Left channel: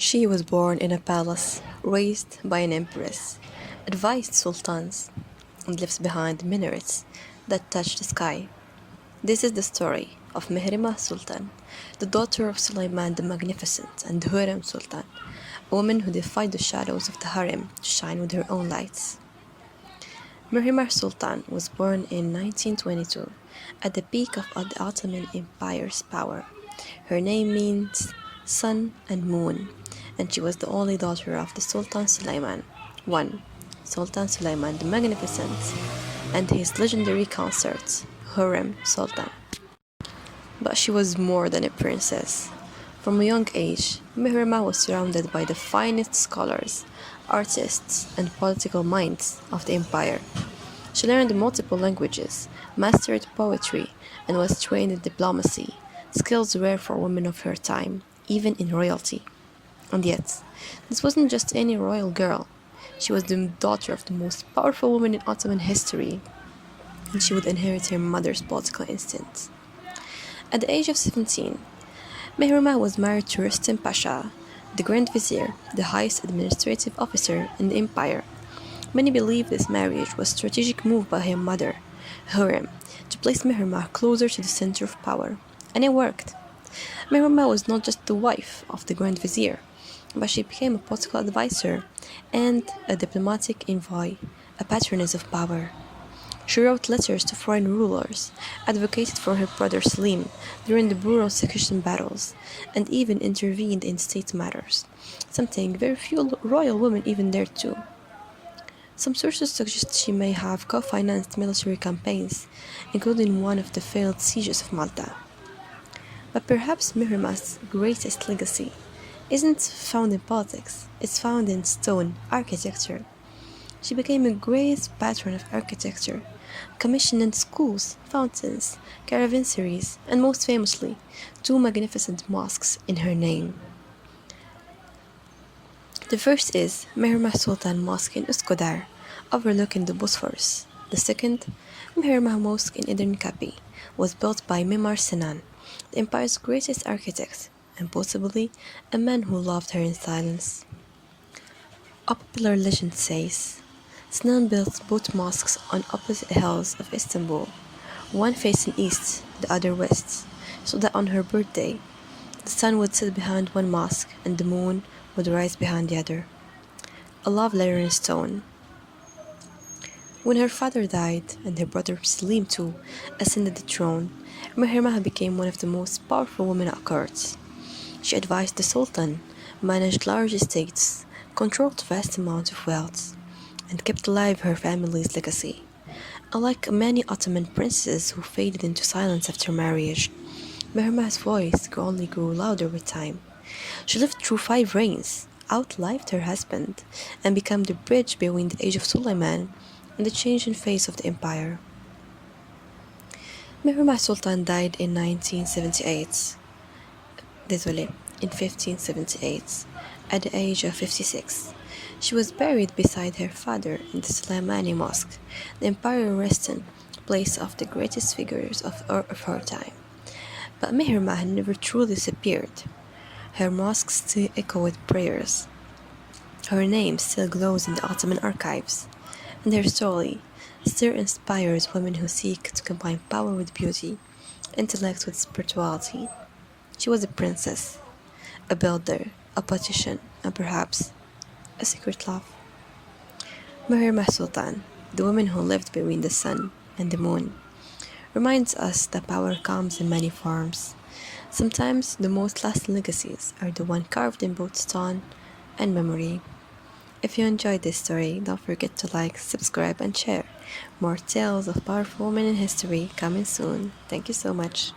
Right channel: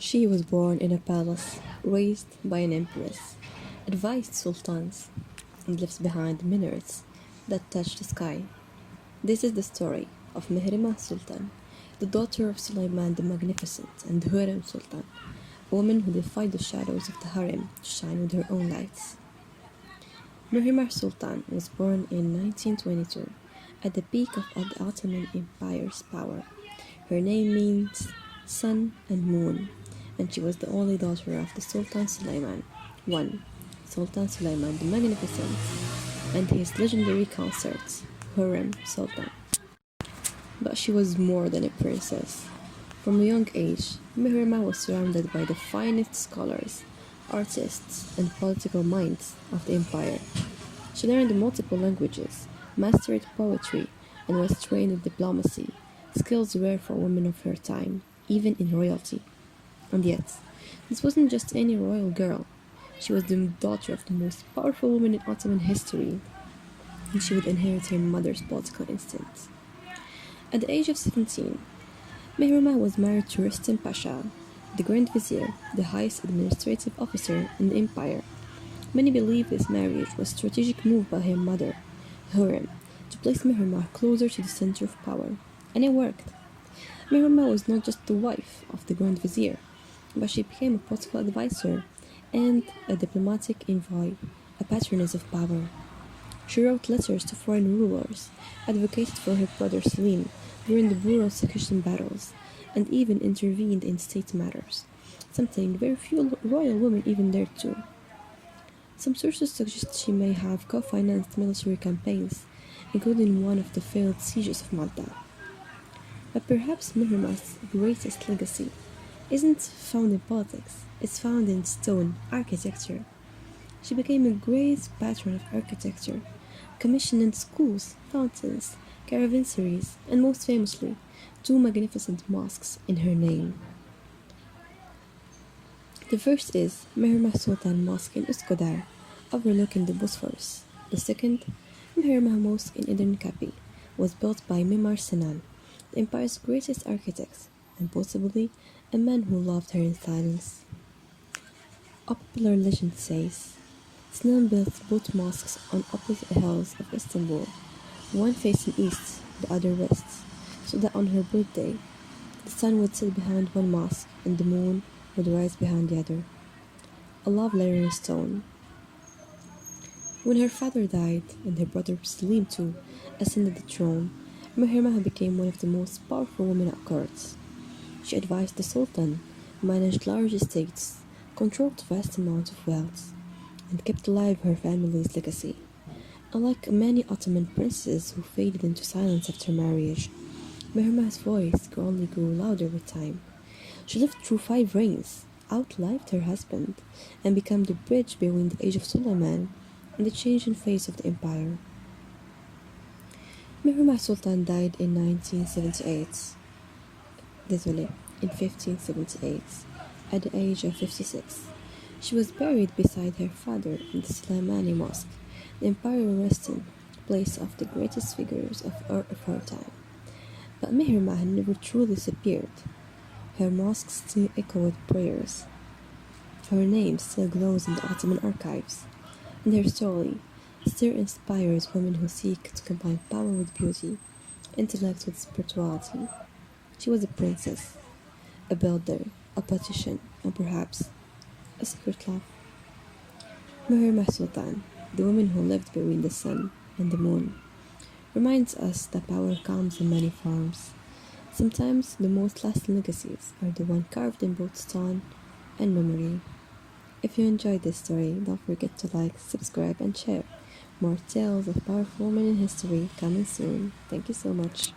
She was born in a palace, raised by an empress, advised sultans, and lives behind minarets that touch the sky. This is the story of Mihrimah Sultan, the daughter of Suleiman the Magnificent and Hürrem Sultan, a woman who defied the shadows of the harem to shine with her own lights. Mihrimah Sultan was born in 1922 at the peak of the Ottoman Empire's power. Her name means sun and moon, and she was the only daughter of the Sultan Suleiman I, Sultan Suleiman the Magnificent, and his legendary consort, Hürrem Sultan. But she was more than a princess. From a young age, Mihrimah was surrounded by the finest scholars, artists, and political minds of the empire. She learned multiple languages, mastered poetry, and was trained in diplomacy, skills rare for women of her time, even in royalty. And yet, this wasn't just any royal girl. She was the daughter of the most powerful woman in Ottoman history, and she would inherit her mother's political instincts. At the age of 17, Mihrimah was married to Rustem Pasha, the Grand Vizier, the highest administrative officer in the empire. Many believe this marriage was a strategic move by her mother, Hürrem, to place Mihrimah closer to the center of power, and it worked. Mihrimah was not just the wife of the Grand Vizier, but she became a political advisor and a diplomatic envoy, a patroness of power. She wrote letters to foreign rulers, advocated for her brother Selim during the brutal succession battles, and even intervened in state matters, something very few royal women even dared to. Some sources suggest she may have co-financed military campaigns, including one of the failed sieges of Malta. But perhaps Mihrimah's greatest legacy isn't found in politics, it's found in stone architecture. She became a great patron of architecture, commissioning schools, fountains, caravanserais, and most famously, two magnificent mosques in her name. The first is Mihrimah Sultan Mosque in Üsküdar, overlooking the Bosphorus. The second, Mihrimah Mosque in Edirne Kapı, was built by Mimar Sinan, the empire's greatest architect, and possibly a man who loved her in silence. A popular legend says Sinan built both mosques on opposite hills of Istanbul, one facing east, the other west, so that on her birthday, the sun would set behind one mosque and the moon would rise behind the other. A love letter in stone. When her father died and her brother Selim too ascended the throne, Mihrimah became one of the most powerful women at court. She advised the Sultan, managed large estates, controlled vast amounts of wealth, and kept alive her family's legacy. Unlike many Ottoman princes who faded into silence after marriage, Mihrimah's voice only grew louder with time. She lived through 5 reigns, outlived her husband, and became the bridge between the age of Suleiman and the changing face of the empire. Mihrimah Sultan died in 1978. Désolé, in 1578, at the age of 56. She was buried beside her father in the Suleimani Mosque, the imperial resting place of the greatest figures of her time. But Mihrimah never truly disappeared. Her mosque still echo with prayers. Her name still glows in the Ottoman archives, and her story still inspires women who seek to combine power with beauty, intellect with spirituality. She was a princess, a builder, a politician, and perhaps a secret love. Mihrimah Sultan, the woman who lived between the sun and the moon, reminds us that power comes in many forms. Sometimes the most lasting legacies are the ones carved in both stone and memory. If you enjoyed this story, don't forget to like, subscribe, and share. More tales of powerful women in history coming soon. Thank you so much.